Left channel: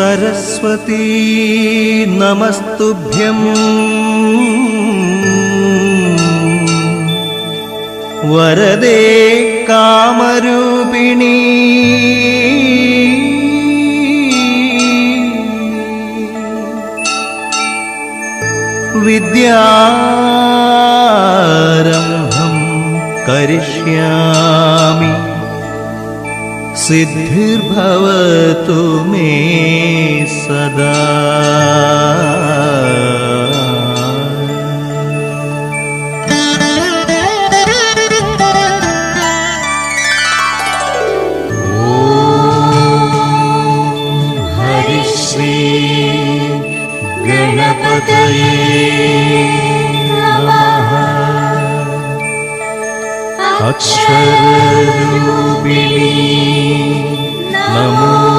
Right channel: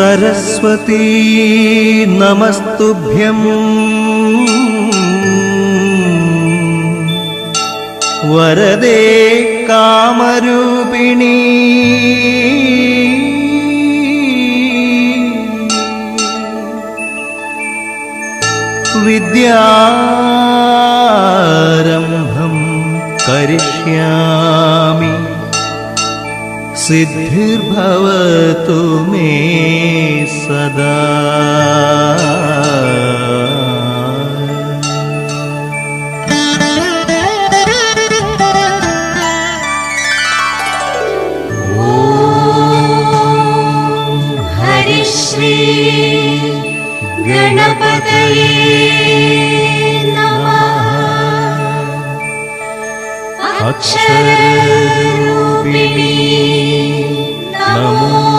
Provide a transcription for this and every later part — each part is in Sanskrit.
सरस्वती नमस्तुभ्यम्। वरदे कामरूपिणी। विद्यारम्भं करिष्यामि। सिद्धिर्भवतु मे सदा हरिश्री गणपतये नमः अक्षररूपिणी नमो नमः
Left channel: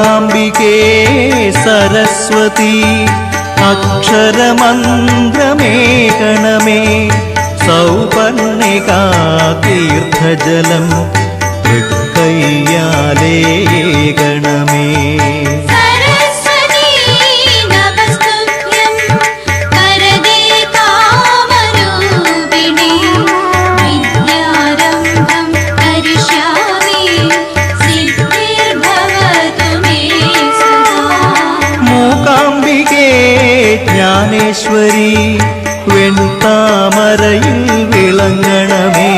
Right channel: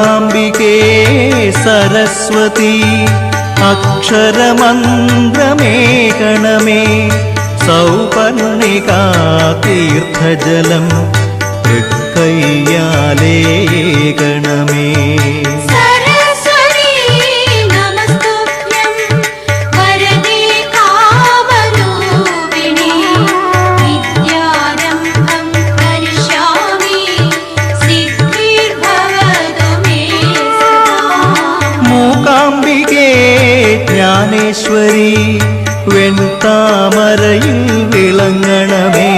मूकाम्बिके सरस्वती अक्षरमन्त्रमेकनमे सौपर्णिका तीर्थजलं हृत्कय्याले അംബികേ ജ്ഞാനേശ്വരി താമരയിൽ വിളങ്ങണമേ.